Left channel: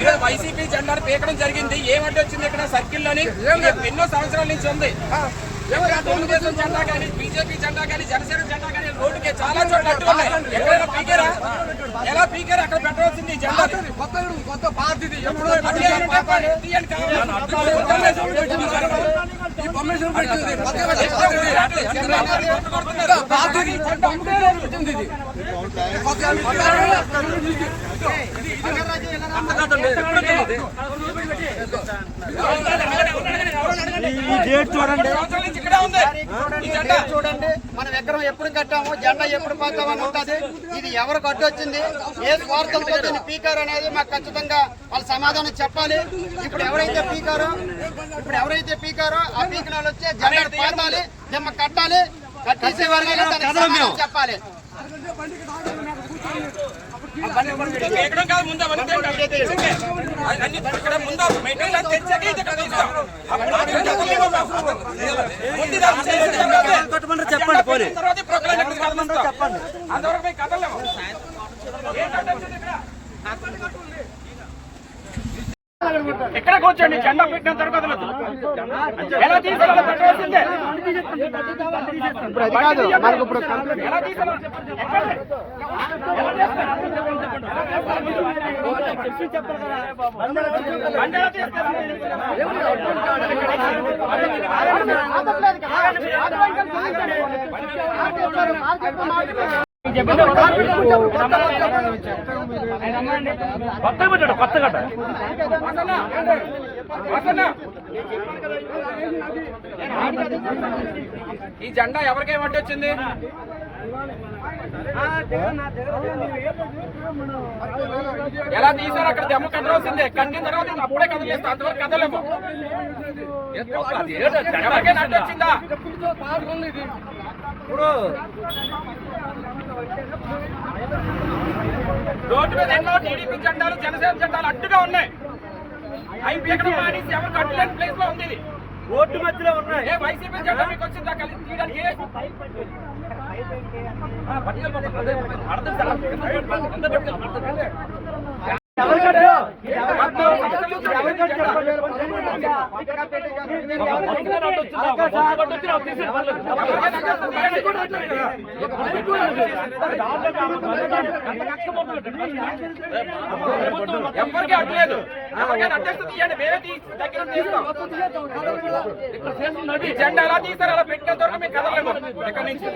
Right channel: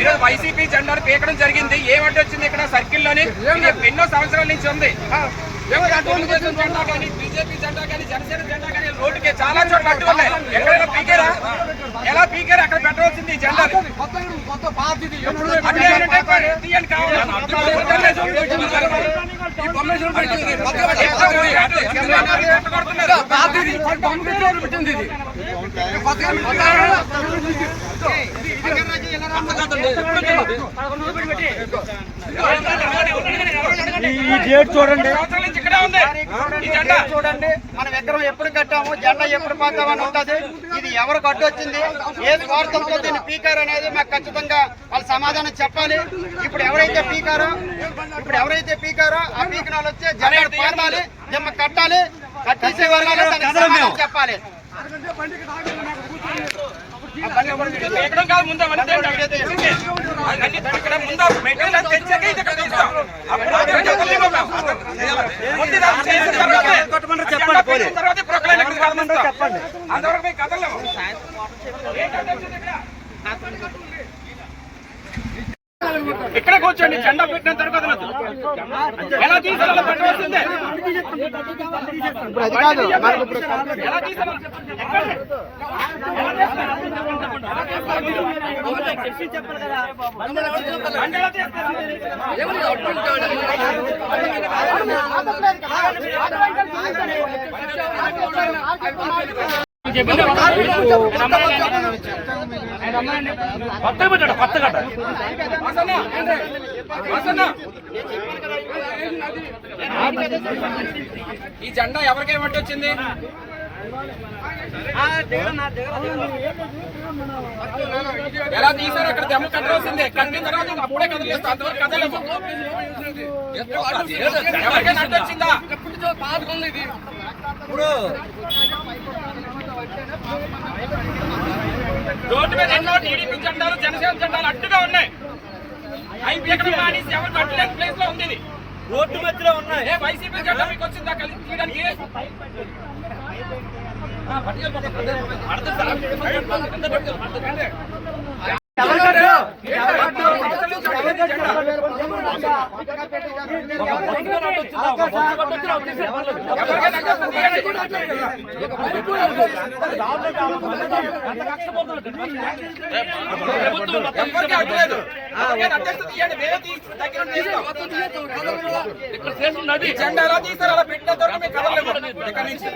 ఈరోజు వైసీపీ జెండాను పీకడం జరిగింది. ఏమంటే వచ్చింది ఇక్కడ సర్కిల్లోని ఇది ఎన్నో సంవత్సరాల నుంచి ఉంది. జెండా కానీ బీజేపీ జెండా కానీ జనసేన జెండా కానీ రోడ్డుకి చాలా చోట్ల అడ్డు ఉన్నాయి. ఎక్కడైనా పీకారా? ఎలా పీకారు? అక్కడ పెట్టవలసింది ఈ జెండా అడ్డు ఏమంటే తీయండి చూడండి సంవత్సరాల నుంచి ఇక్కడే ఉంది ఈ జెండా చూడండి. మన విగ్రహం ఎప్పుడు కట్టాము జెండా ఎప్పుడు పాతామని ఉంటది ఇది ఎవరు కట్టొచ్చింది ఏ స్వార్థంతో దీన్ని పీకారు అనేది మాకు ఖచ్చితంగా వాళ్ళు సమాధానం చెప్పాలి ఇప్పుడు ఎవరైతే పీకారో ఇప్పుడు ఎవరైతే పీకారో ఆ పీక వాళ్ళు వచ్చి జెండా పాతాలి దిమ్మ కట్టాలి కట్టేసే సమాధానం చెప్పాలి ఎక్కడం కాదు ముందు. అన్ని ఇక్కడ ముందు మెటీరియల్ తెచ్చాక ఇది. ముందు చేసిన తర్వాతే, తర్వాతే ప్రొక్లైన్. అంతవరకు మేము. ఏంటంటే ఇక్కడ? ఇక్కడ కూర్చోండి జెండా పెట్టిన తర్వాత ఎలా తీసాలో పెట్టవలసిందే ఎలా కొత్త పెట్టాడు కొత్త గడ్డ ఈ జెండా ఎవరికైనా వచ్చింది? ఎలా తీసారు అక్కడ దెమ్మ కట్టవలసిందే కట్టిన తర్వాత అప్పుడే కదలేస్తాం అంతవరకు కదలేము ఎవరికైనా అడ్డు వచ్చిందా? రోడ్డు మీద ఎన్నో టీడీపీ జెండాలు జనసేన జెండాలు అడ్డుగా ఉన్నాయి. అవి పీకడం మానేసి ఎవరు కట్టలేని ప్లేస్లో ఉంది. రోడ్డు మధ్యలో ఉన్నాయి ఏ వైసీపీ జెండా మీకు వచ్చిందా కలిసి తీయడానికి ఎవరికి అడ్డలేదు ఎవరికైనా తీయండి దగ్గర తీస్తాం. జెండా ఎలా తీస్తారు అలా పెట్టిన తర్వాత మేము కదలలేము ఇక్కడ నుంచి?